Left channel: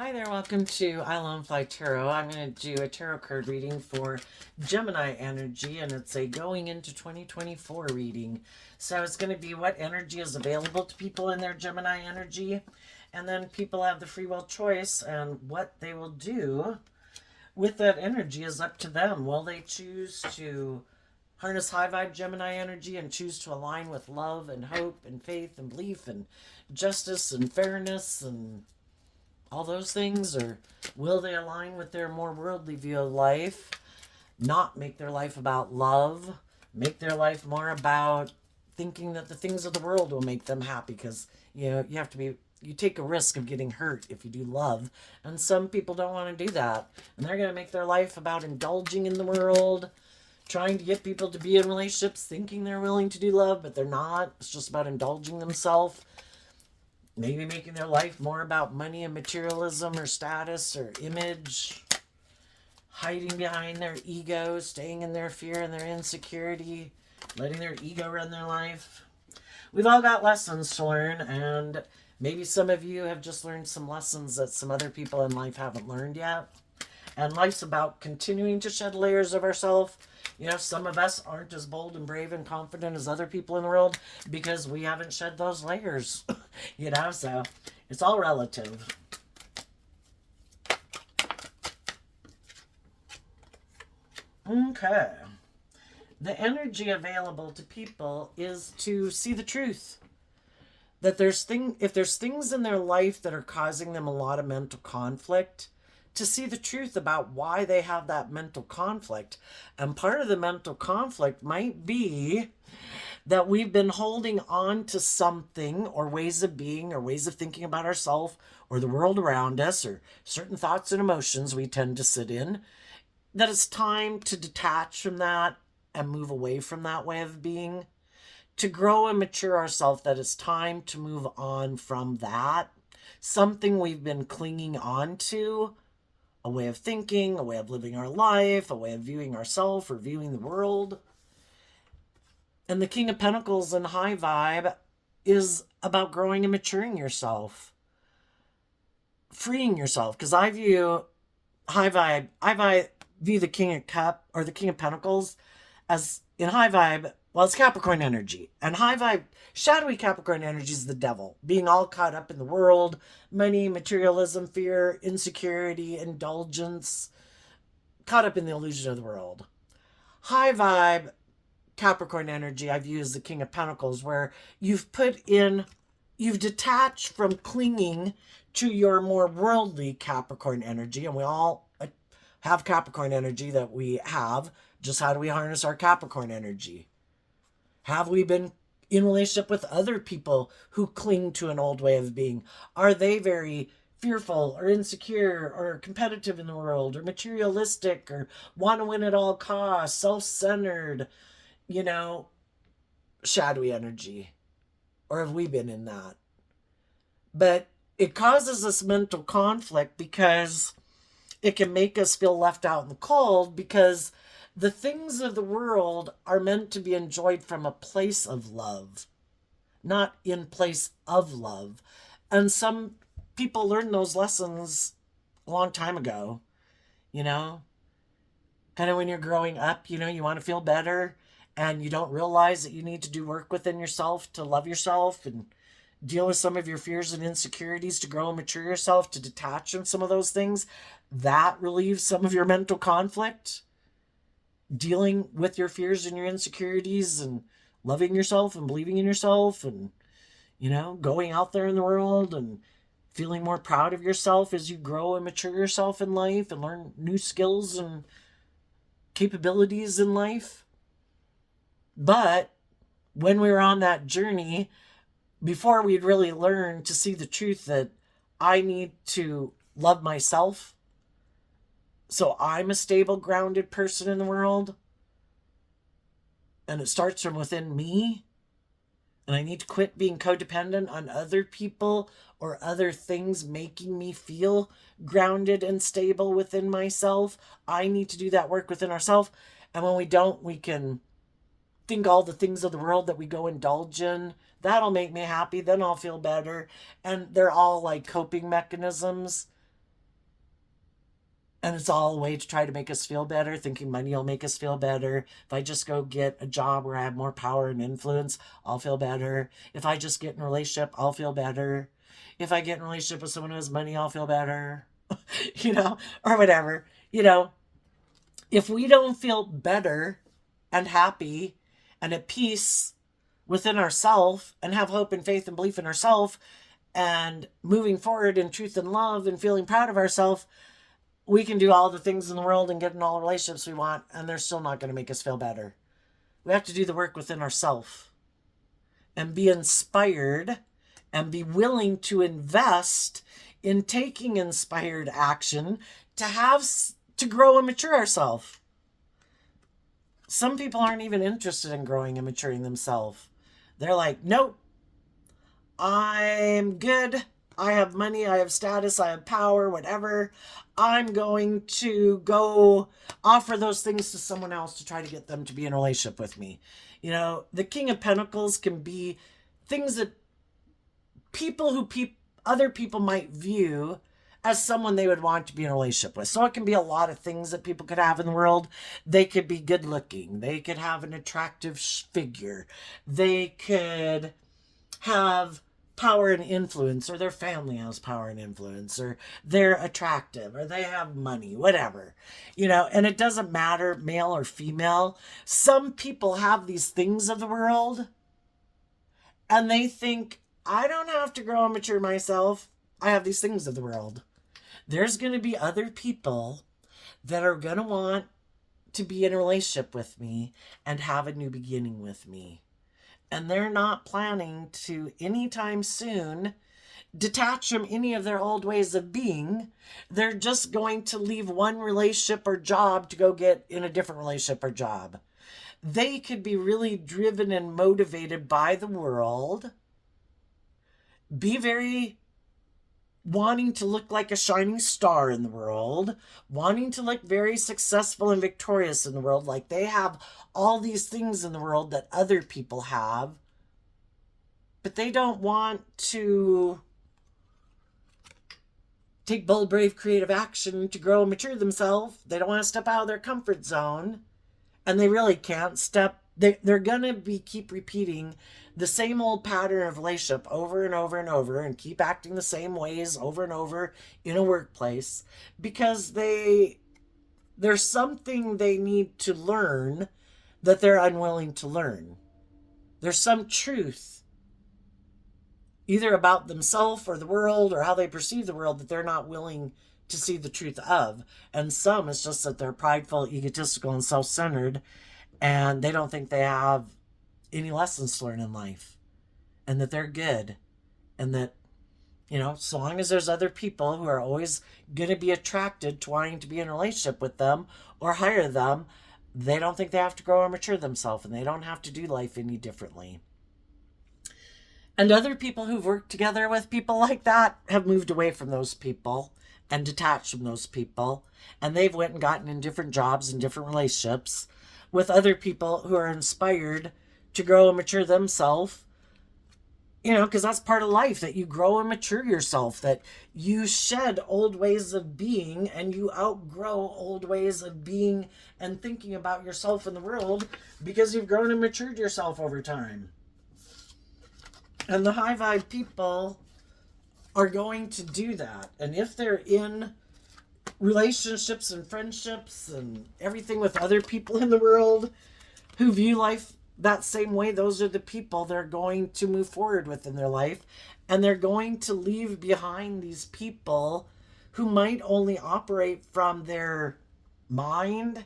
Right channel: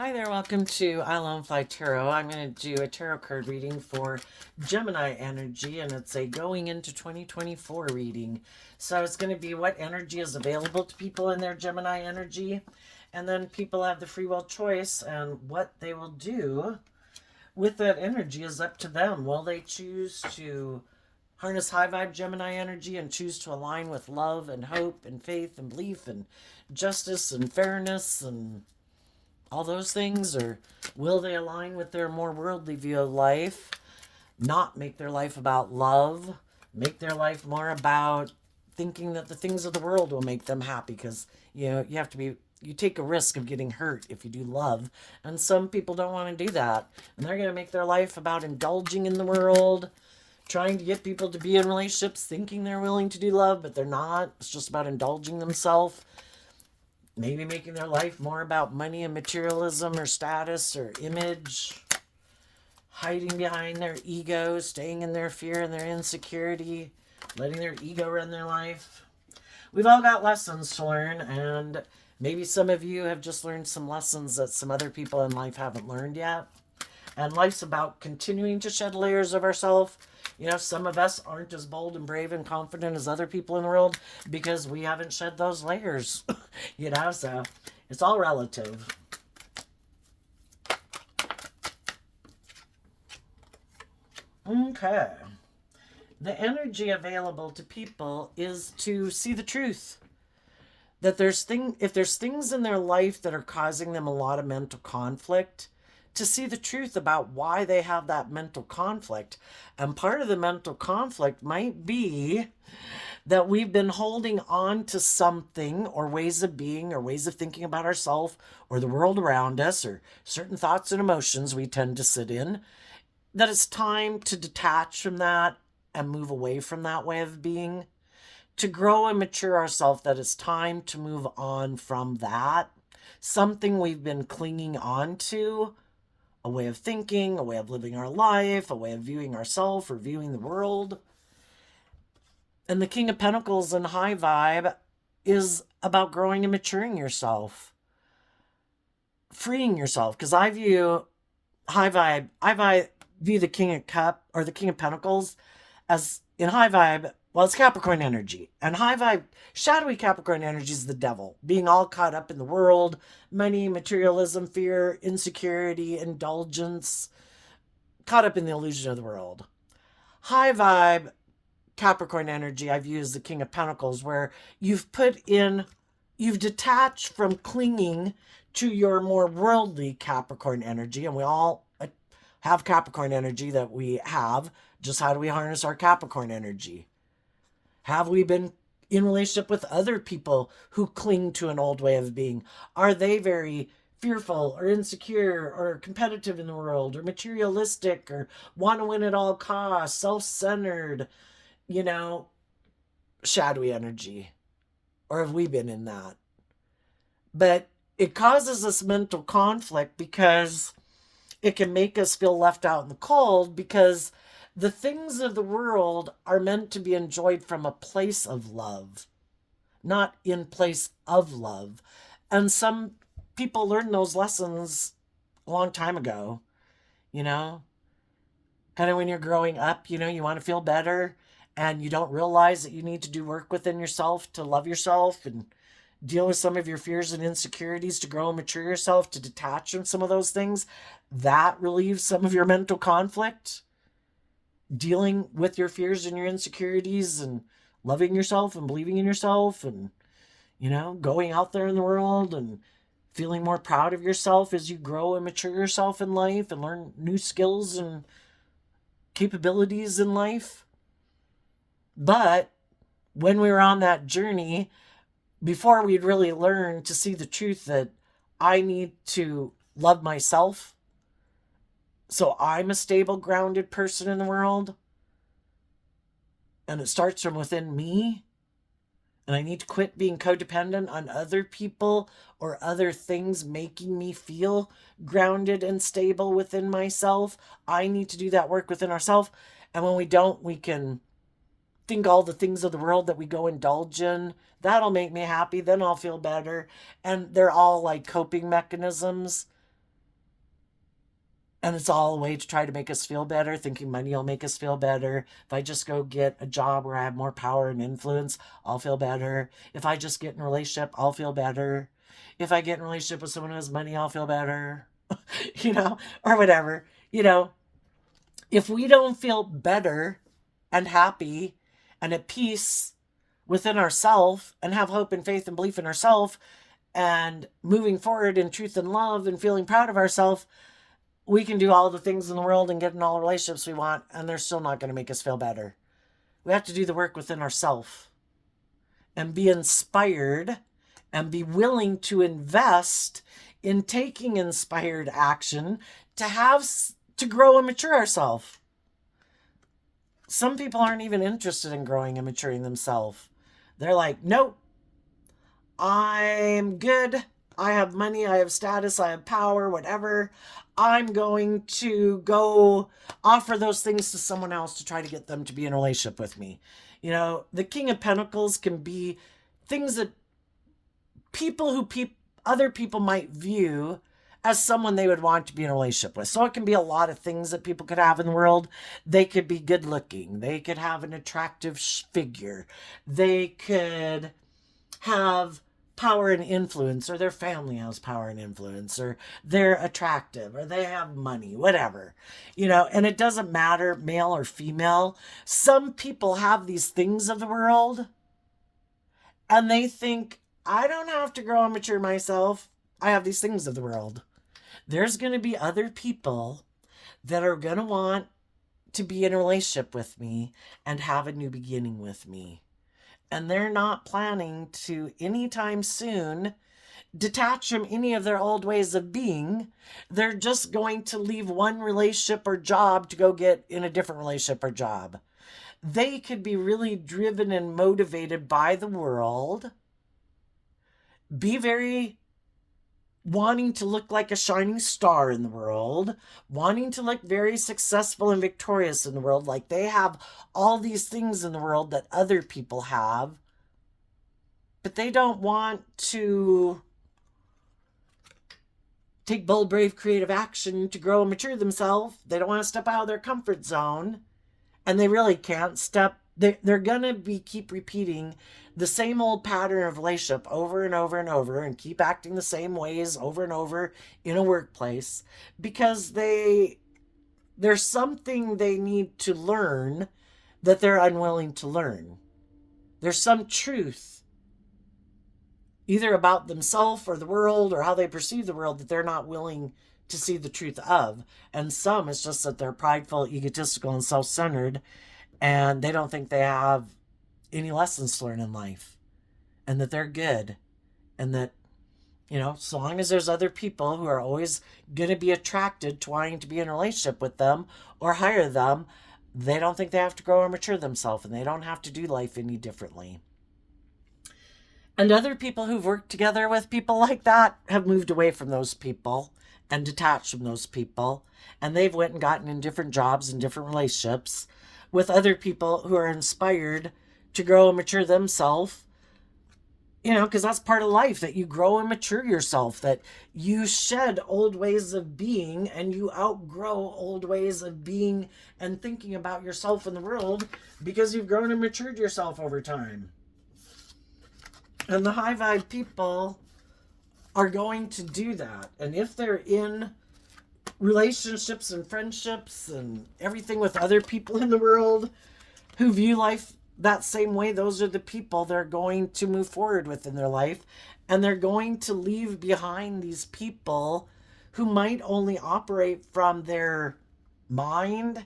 Hi there, welcome to Island Fly Tarot. I'm going to do a tarot card reading for Gemini energy, and it's a going into 2024 reading. So it's going to be what energy is available to people in their Gemini energy, and then people have the free will choice, and what they will do with that energy is up to them. Will they choose to harness high vibe Gemini energy and choose to align with love and hope and faith and belief and justice and fairness and all those things, or will they align with their more worldly view of life, not make their life about love, make their life more about thinking that the things of the world will make them happy? Because you have to be, you take a risk of getting hurt if you do love, and some people don't want to do that, and they're going to make their life about indulging in the world, trying to get people to be in relationships thinking they're willing to do love, but they're not. It's just about indulging themselves, maybe making their life more about money and materialism or status or image, hiding behind their ego, staying in their fear and their insecurity, letting their ego run their life. We've all got lessons to learn, and maybe some of you have just learned some lessons that some other people in life haven't learned yet. And life's about continuing to shed layers of ourselves. Some of us aren't as bold and brave and confident as other people in the world because we haven't shed those layers. So it's all relative. Okay. The energy available to people is to see the truth. That if there's things in their life that are causing them a lot of mental conflict, to see the truth about why they have that mental conflict. And part of the mental conflict might be that we've been holding on to something, or ways of being, or ways of thinking about ourselves or the world around us, or certain thoughts and emotions we tend to sit in, that it's time to detach from that and move away from that way of being, to grow and mature ourselves, that it's time to move on from that. Something we've been clinging on to, a way of thinking, a way of living our life, a way of viewing ourselves or viewing the world. And the King of Pentacles in high vibe is about growing and maturing yourself, freeing yourself. Because I view view the King of Cup or the King of Pentacles as, in high vibe, well, it's Capricorn energy. And high vibe, shadowy Capricorn energy is the devil, being all caught up in the world, money, materialism, fear, insecurity, indulgence, caught up in the illusion of the world. High vibe Capricorn energy I view as the King of Pentacles, where you've detached from clinging to your more worldly Capricorn energy. And we all have Capricorn energy that we have. Just how do we harness our Capricorn energy? Have we been in relationship with other people who cling to an old way of being? Are they very fearful or insecure or competitive in the world or materialistic or want to win at all costs, self-centered, shadowy energy? Or have we been in that? But it causes us mental conflict because it can make us feel left out in the cold, because the things of the world are meant to be enjoyed from a place of love, not in place of love. And some people learn those lessons a long time ago, kind of when you're growing up, you want to feel better, and you don't realize that you need to do work within yourself to love yourself and deal with some of your fears and insecurities, to grow and mature yourself, to detach from some of those things. That relieves some of your mental conflict, dealing with your fears and your insecurities and loving yourself and believing in yourself, and going out there in the world and feeling more proud of yourself as you grow and mature yourself in life and learn new skills and capabilities in life. But when we were on that journey, before we'd really learn to see the truth that I need to love myself so I'm a stable, grounded person in the world, and it starts from within me, and I need to quit being codependent on other people or other things making me feel grounded and stable within myself. I need to do that work within ourselves. And when we don't, we can think all the things of the world that we go indulge in. That'll make me happy. Then I'll feel better. And they're all like coping mechanisms. And it's all a way to try to make us feel better, thinking money will make us feel better. If I just go get a job where I have more power and influence, I'll feel better. If I just get in a relationship, I'll feel better. If I get in a relationship with someone who has money, I'll feel better. Or whatever. If we don't feel better and happy and at peace within ourselves and have hope and faith and belief in ourselves and moving forward in truth and love and feeling proud of ourselves, we can do all the things in the world and get in all the relationships we want, and they're still not going to make us feel better. We have to do the work within ourselves and be inspired and be willing to invest in taking inspired action to grow and mature ourselves. Some people aren't even interested in growing and maturing themselves. They're like, nope, I'm good. I have money, I have status, I have power, whatever. I'm going to go offer those things to someone else to try to get them to be in a relationship with me. The King of Pentacles can be things that other people might view as someone they would want to be in a relationship with. So it can be a lot of things that people could have in the world. They could be good looking. They could have an attractive figure. They could have power and influence, or their family has power and influence, or they're attractive, or they have money, whatever. And it doesn't matter, male or female. Some people have these things of the world, and they think, I don't have to grow and mature myself. I have these things of the world. There's going to be other people that are going to want to be in a relationship with me and have a new beginning with me. And they're not planning to anytime soon detach from any of their old ways of being. They're just going to leave one relationship or job to go get in a different relationship or job. They could be really driven and motivated by the world, be very wanting to look like a shining star in the world, wanting to look very successful and victorious in the world, like they have all these things in the world that other people have, but they don't want to take bold, brave, creative action to grow and mature themselves. They don't want to step out of their comfort zone, and they really can't step. They're going to keep repeating the same old pattern of relationship over and over and over, and keep acting the same ways over and over in a workplace, because there's something they need to learn that they're unwilling to learn. There's some truth, either about themselves or the world or how they perceive the world, that they're not willing to see the truth of. And some, it's just that they're prideful, egotistical, and self-centered, and they don't think they have any lessons to learn in life, and that they're good, and that, so long as there's other people who are always going to be attracted to wanting to be in a relationship with them or hire them, they don't think they have to grow or mature themselves, and they don't have to do life any differently. And other people who've worked together with people like that have moved away from those people and detached from those people, and they've went and gotten in different jobs and different relationships with other people who are inspired to grow and mature themselves, because that's part of life, that you grow and mature yourself, that you shed old ways of being and you outgrow old ways of being and thinking about yourself in the world, because you've grown and matured yourself over time. And the high vibe people are going to do that. And if they're in relationships and friendships and everything with other people in the world who view life that same way, those are the people they're going to move forward with in their life. And they're going to leave behind these people who might only operate from their mind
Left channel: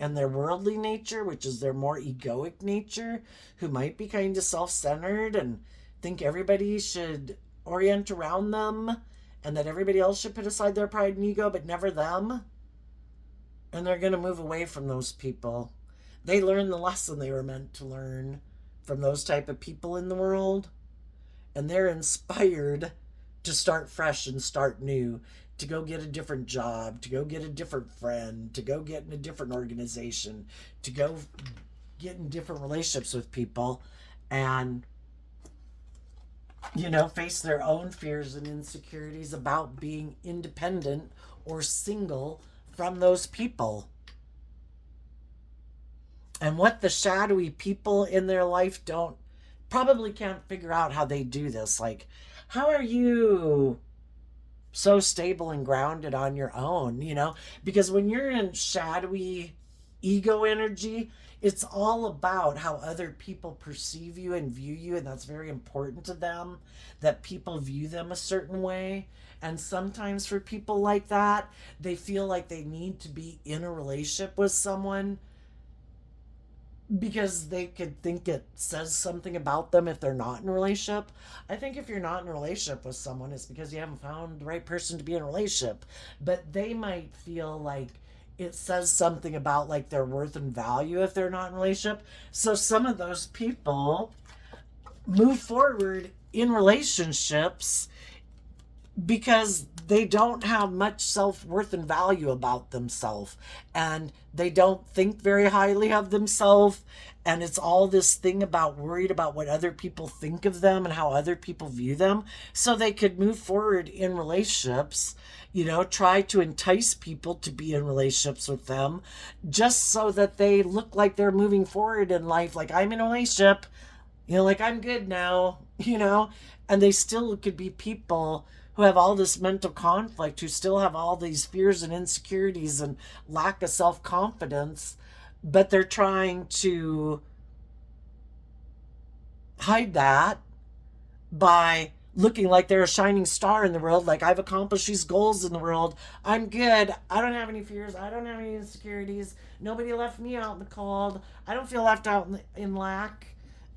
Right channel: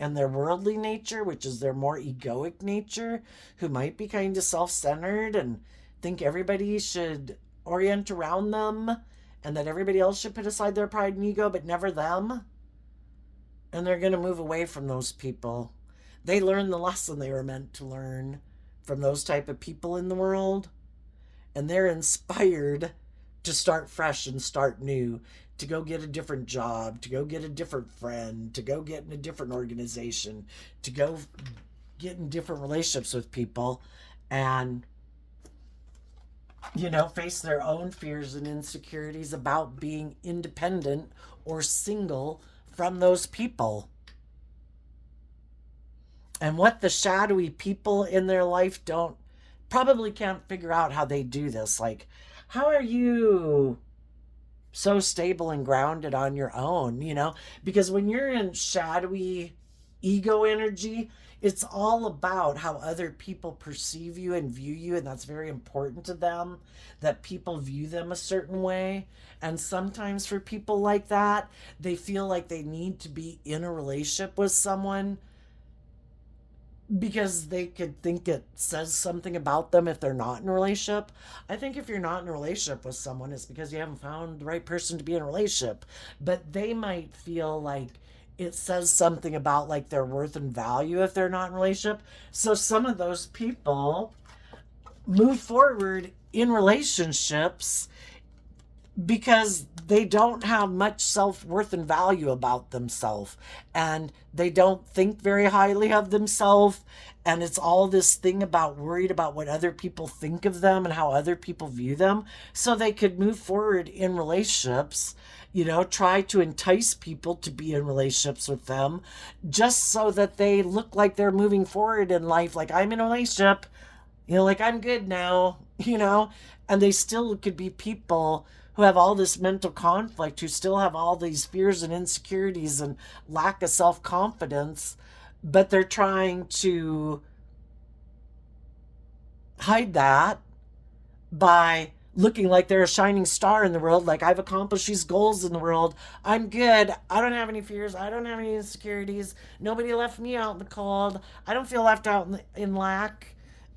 and their worldly nature, which is their more egoic nature, who might be kind of self-centered and think everybody should orient around them, and that everybody else should put aside their pride and ego, but never them. And they're going to move away from those people. They learned the lesson they were meant to learn from those type of people in the world. And they're inspired to start fresh and start new, to go get a different job, to go get a different friend, to go get in a different organization, to go get in different relationships with people, and face their own fears and insecurities about being independent or single from those people. And what the shadowy people in their life probably can't figure out how they do this. Like, how are you so stable and grounded on your own, Because when you're in shadowy ego energy, it's all about how other people perceive you and view you, and that's very important to them, that people view them a certain way. And sometimes for people like that, they feel like they need to be in a relationship with someone because they could think it says something about them if they're not in a relationship. I think if you're not in a relationship with someone, it's because you haven't found the right person to be in a relationship. But they might feel like it says something about like their worth and value if they're not in a relationship. So some of those people move forward in relationships because they don't have much self-worth and value about themselves, and they don't think very highly of themselves, and it's all this thing about worried about what other people think of them and how other people view them, so they could move forward in relationships, try to entice people to be in relationships with them just so that they look like they're moving forward in life, like I'm in a relationship, like I'm good now, and they still could be people who have all this mental conflict, who still have all these fears and insecurities and lack of self-confidence, but they're trying to hide that by looking like they're a shining star in the world, like I've accomplished these goals in the world, I'm good, I don't have any fears, I don't have any insecurities, nobody left me out in the cold, I don't feel left out in lack.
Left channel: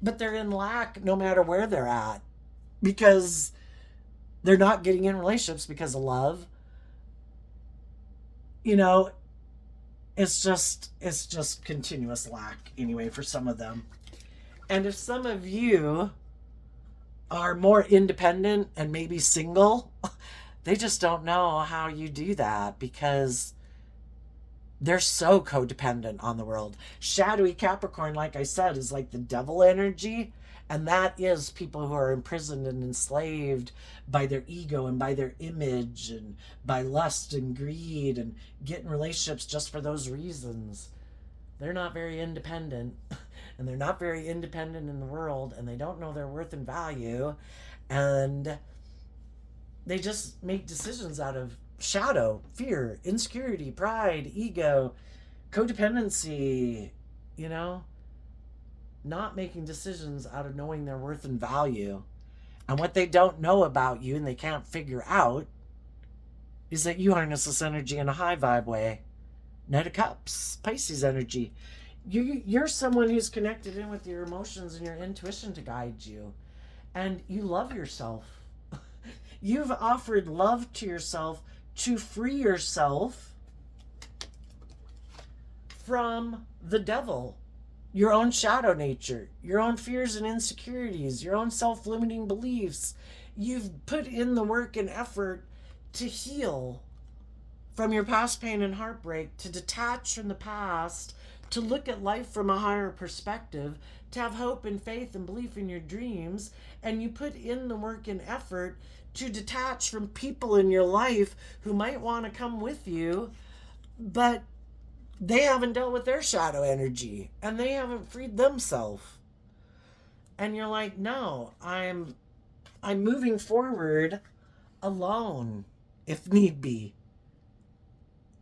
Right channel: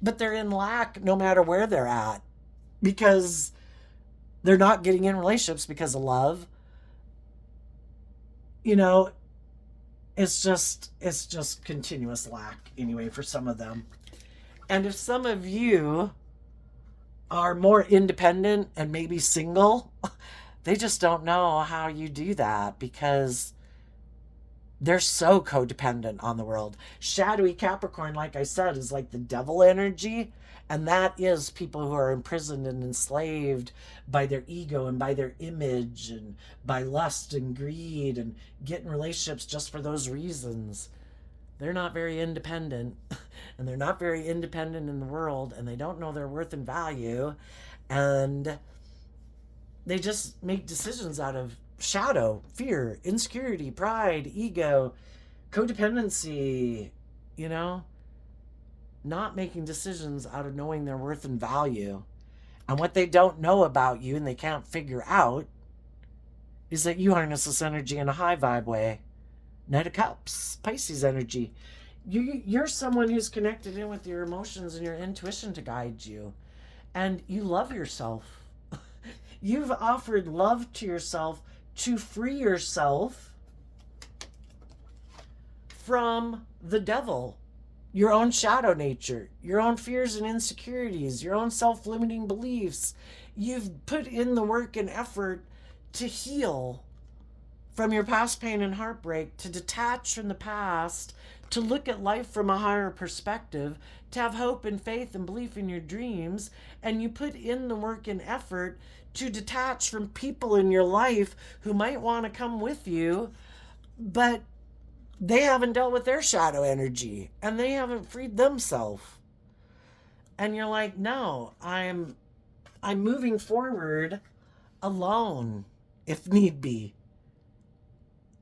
But they're in lack no matter where they're at, because they're not getting in relationships because of love. It's just continuous lack anyway for some of them. And if some of you are more independent and maybe single, they just don't know how you do that because they're so codependent on the world. Shadowy Capricorn, like I said, is like the devil energy. And that is people who are imprisoned and enslaved by their ego and by their image and by lust and greed and get in relationships just for those reasons. They're not very independent. And they're not very independent in the world. And they don't know their worth and value. And they just make decisions out of shadow, fear, insecurity, pride, ego, codependency, not making decisions out of knowing their worth and value. And what they don't know about you and they can't figure out is that you harness this energy in a high vibe way. Knight of Cups, Pisces energy. You're someone who's connected in with your emotions and your intuition to guide you. And you love yourself. You've offered love to yourself to free yourself from the devil, your own shadow nature, your own fears and insecurities, your own self-limiting beliefs. You've put in the work and effort to heal from your past pain and heartbreak, to detach from the past, to look at life from a higher perspective, to have hope and faith and belief in your dreams. And you put in the work and effort to detach from people in your life who might want to come with you, but they haven't dealt with their shadow energy and they haven't freed themselves. And you're like, no, I'm moving forward alone if need be.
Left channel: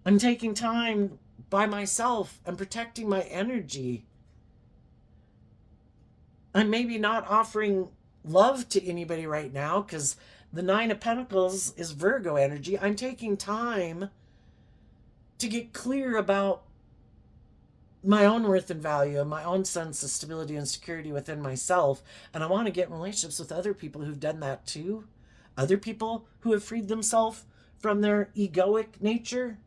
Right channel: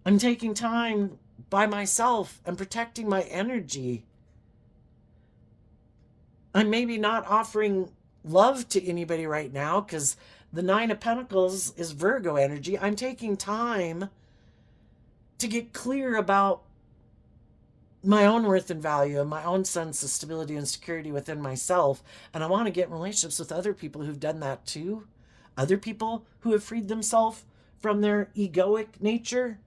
I'm taking time by myself and protecting my energy. I'm maybe not offering love to anybody right now because the Nine of Pentacles is Virgo energy. I'm taking time to get clear about my own worth and value and my own sense of stability and security within myself. And I want to get in relationships with other people who've done that too. Other people who have freed themselves from their egoic nature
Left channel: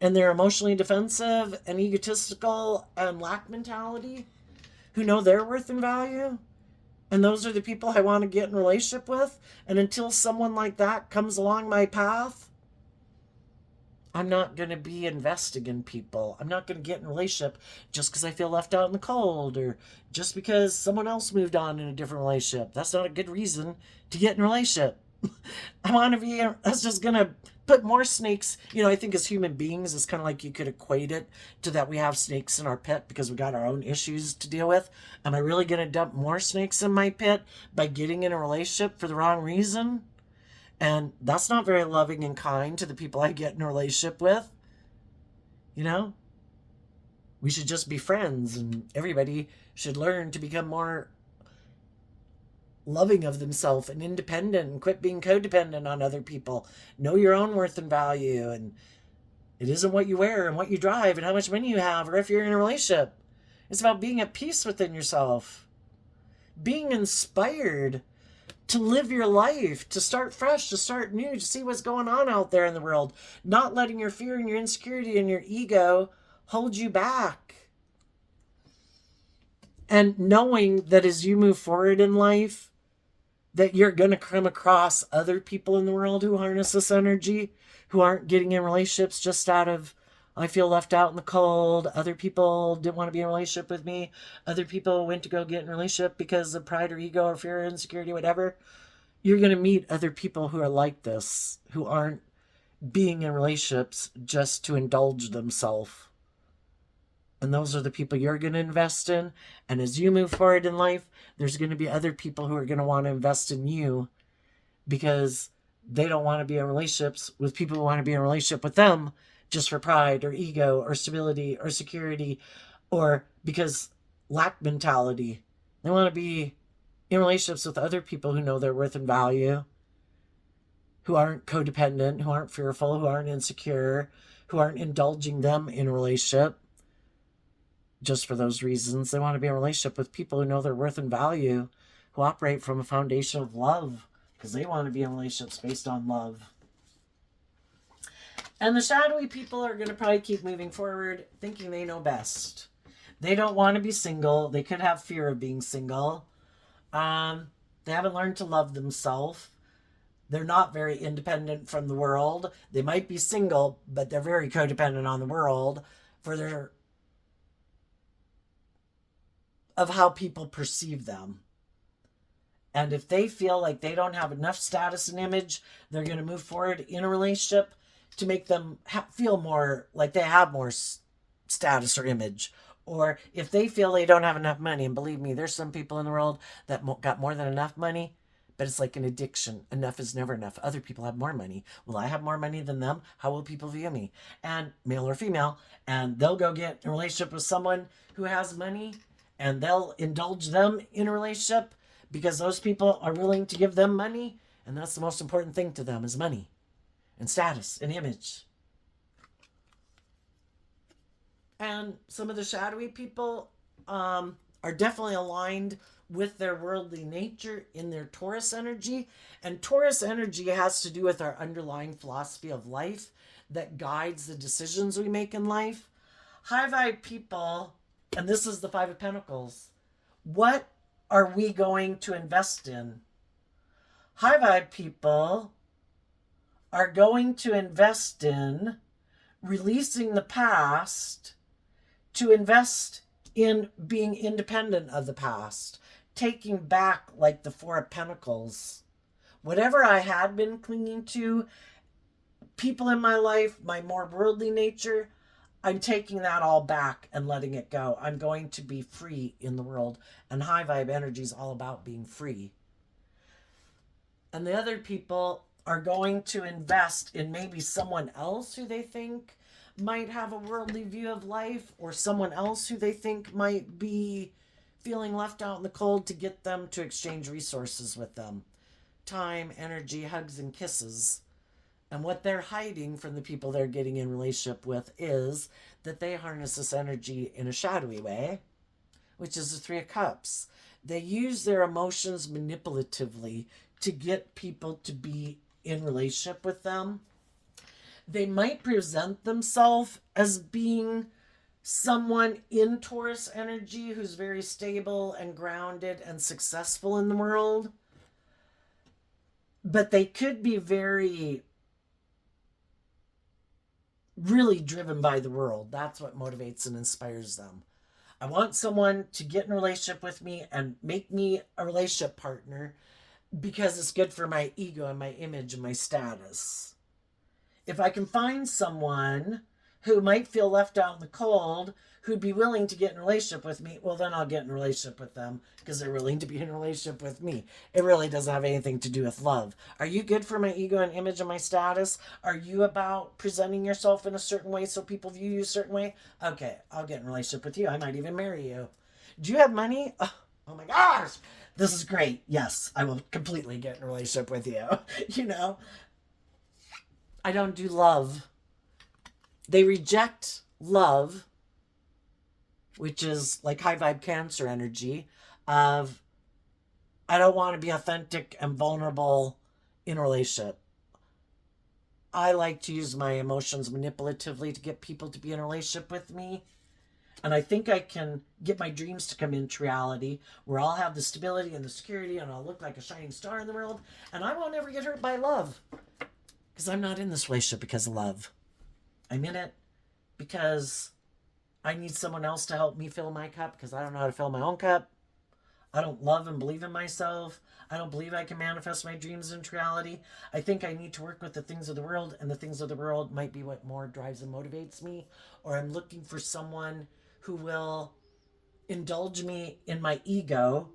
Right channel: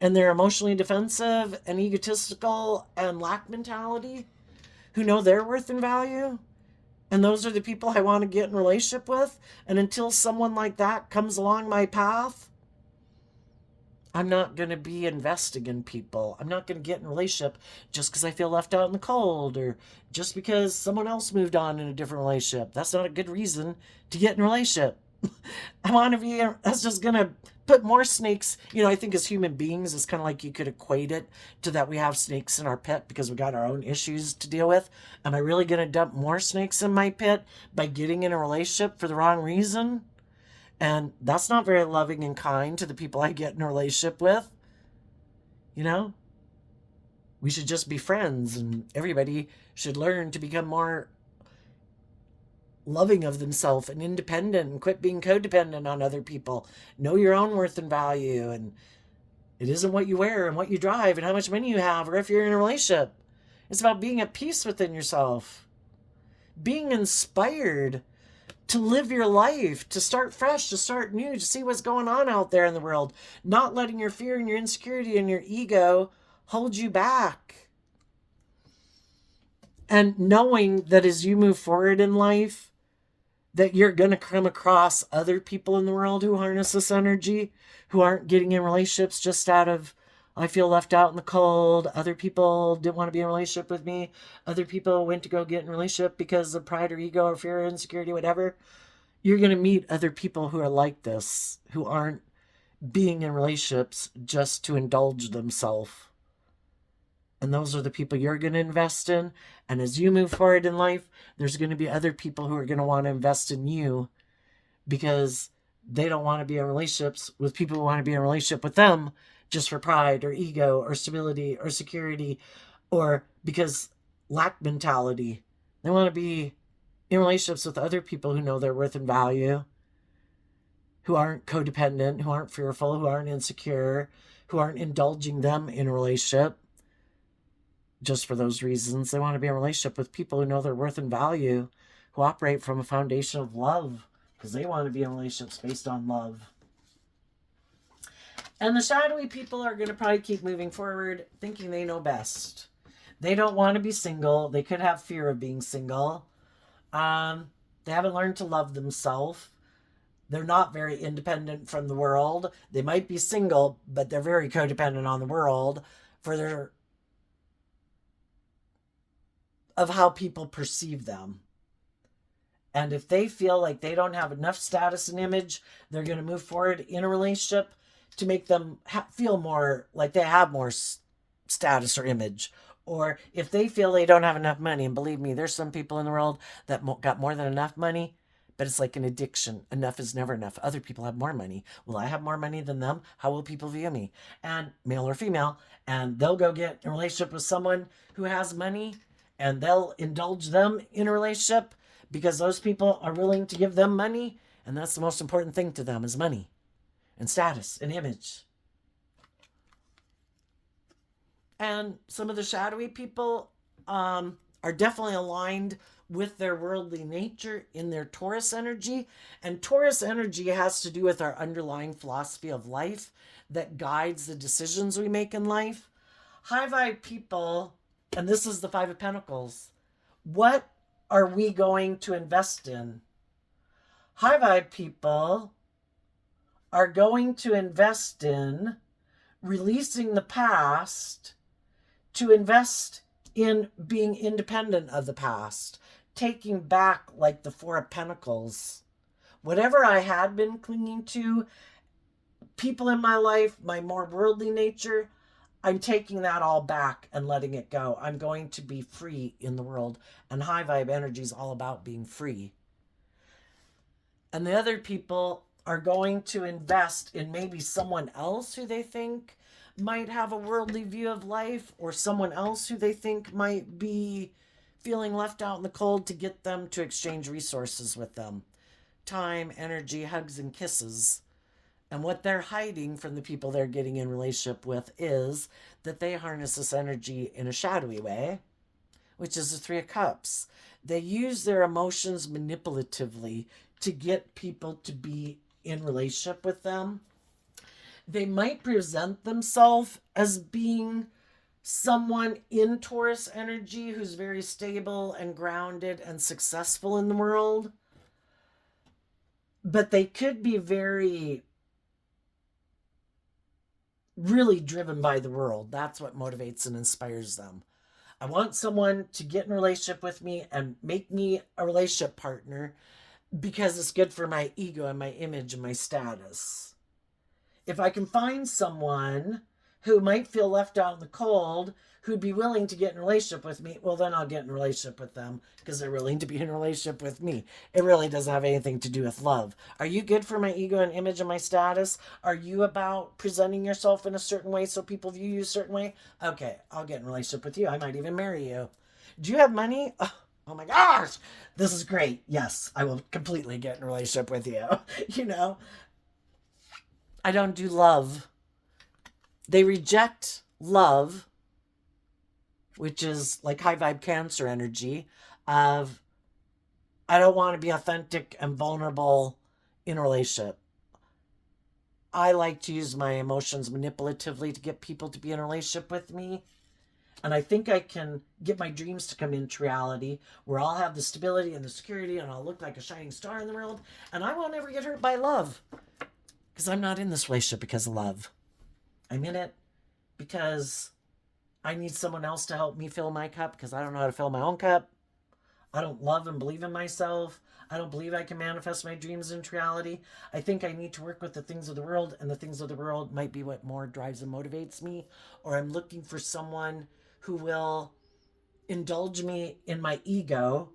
and their emotionally defensive and egotistical and lack mentality, who know their worth and value. And those are the people I want to get in a relationship with. And until someone like that comes along my path, I'm not going to be investing in people. I'm not going to get in a relationship just because I feel left out in the cold or just because someone else moved on in a different relationship. That's not a good reason to get in a relationship. I want to be, that's just going to put more snakes, I think as human beings, it's kind of like you could equate it to that we have snakes in our pit because we got our own issues to deal with. Am I really going to dump more snakes in my pit by getting in a relationship for the wrong reason? And that's not very loving and kind to the people I get in a relationship with. We should just be friends, and everybody should learn to become more loving of themselves and independent and quit being codependent on other people. Know your own worth and value, and it isn't what you wear and what you drive and how much money you have or if you're in a relationship. It's about being at peace within yourself, being inspired to live your life, to start fresh, to start new, to see what's going on out there in the world, not letting your fear and your insecurity and your ego hold you back. And knowing that as you move forward in life, that you're going to come across other people in the world who harness this energy, who aren't getting in relationships just out of, I feel left out in the cold. Other people didn't want to be in a relationship with me. Other people went to go get in a relationship because of pride or ego or fear or insecurity, whatever. You're going to meet other people who are like this, who aren't being in relationships just to indulge themselves. And those are the people you're going to invest in. And as you move forward in life, there's going to be other people who are going to want to invest in you because they don't want to be in relationships with people who want to be in a relationship with them just for pride or ego or stability or security or because lack mentality. They want to be in relationships with other people who know their worth and value, who aren't codependent, who aren't fearful, who aren't insecure, who aren't indulging them in a relationship just for those reasons. They want to be in a relationship with people who know their worth and value, who operate from a foundation of love, because they want to be in relationships based on love. And the shadowy people are going to probably keep moving forward thinking they know best. They don't want to be single. They could have fear of being single. They haven't learned to love themselves. They're not very independent from the world. They might be single, but they're very codependent on the world for their of how people perceive them. And if they feel like they don't have enough status and image, they're going to move forward in a relationship to make them feel more like they have more status or image. Or if they feel they don't have enough money, and believe me, there's some people in the world that got more than enough money, but it's like an addiction. Enough is never enough. Other people have more money. Will I have more money than them? How will people view me? And male or female, and they'll go get in a relationship with someone who has money, and they'll indulge them in a relationship because those people are willing to give them money, and that's the most important thing to them is money and status and image. And some of the shadowy people are definitely aligned with their worldly nature in their Taurus energy. And Taurus energy has to do with our underlying philosophy of life that guides the decisions we make in life. High vibe people, and this is the Five of Pentacles, what are we going to invest in? High vibe people are going to invest in releasing the past to invest in being independent of the past, taking back like the Four of Pentacles. Whatever I had been clinging to, people in my life, my more worldly nature, I'm taking that all back and letting it go. I'm going to be free in the world. And high vibe energy is all about being free. And the other people are going to invest in maybe someone else who they think might have a worldly view of life, or someone else who they think might be feeling left out in the cold, to get them to exchange resources with them. Time, energy, hugs, and kisses. And what they're hiding from the people they're getting in relationship with is that they harness this energy in a shadowy way, which is the Three of Cups. They use their emotions manipulatively to get people to be in relationship with them. They might present themselves as being someone in Taurus energy who's very stable and grounded and successful in the world. But they could be really driven by the world. That's what motivates and inspires them. I want someone to get in a relationship with me and make me a relationship partner because it's good for my ego and my image and my status. if I can find someone who might feel left out in the cold, who'd be willing to get in a relationship with me, well, then I'll get in a relationship with them because they're willing to be in a relationship with me. It really doesn't have anything to do with love. Are you good for my ego and image and my status? Are you about presenting yourself in a certain way so people view you a certain way? Okay, I'll get in a relationship with you. I might even marry you. Do you have money? Oh my gosh, this is great. Yes, I will completely get in a relationship with you. You know, I don't do love. They reject love, which is like high vibe Cancer energy of I don't want to be authentic and vulnerable in a relationship. I like to use my emotions manipulatively to get people to be in a relationship with me. And I think I can get my dreams to come into reality where I'll have the stability and the security and I'll look like a shining star in the world. And I won't ever get hurt by love because I'm not in this relationship because of love. I'm in it because I need someone else to help me fill my cup because I don't know how to fill my own cup. I don't love and believe in myself. I don't believe I can manifest my dreams into reality. I think I need to work with the things of the world, and the things of the world might be what more drives and motivates me. Or I'm looking for someone who will indulge me in my ego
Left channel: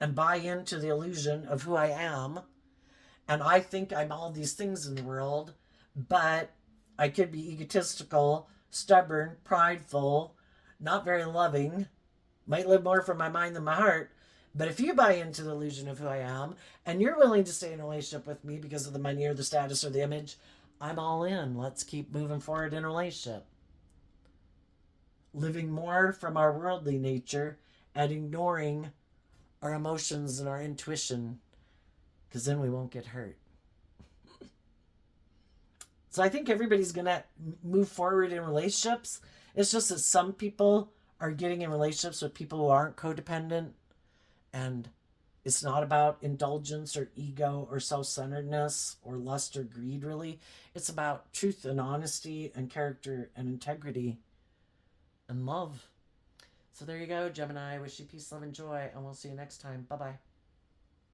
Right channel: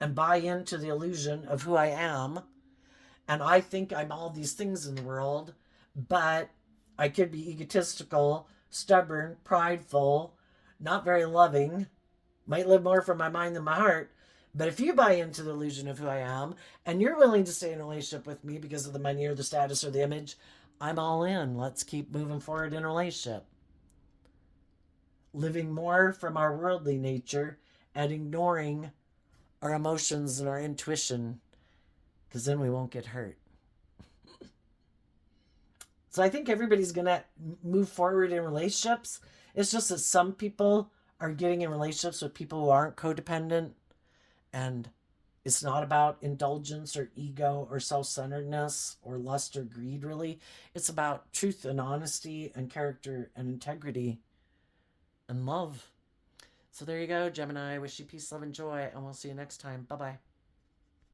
and buy into the illusion of who I am. And I think I'm all these things in the world, but I could be egotistical, stubborn, prideful, not very loving, might live more from my mind than my heart. But if you buy into the illusion of who I am and you're willing to stay in a relationship with me because of the money or the status or the image, I'm all in. Let's keep moving forward in a relationship. Living more from our worldly nature and ignoring our emotions and our intuition because then we won't get hurt. So I think everybody's going to move forward in relationships. It's just that some people are getting in relationships with people who aren't codependent, and it's not about indulgence or ego or self-centeredness or lust or greed, really. It's about truth and honesty and character and integrity and love. So there you go, Gemini. I wish you peace, love, and joy, and we'll see you next time. Bye-bye.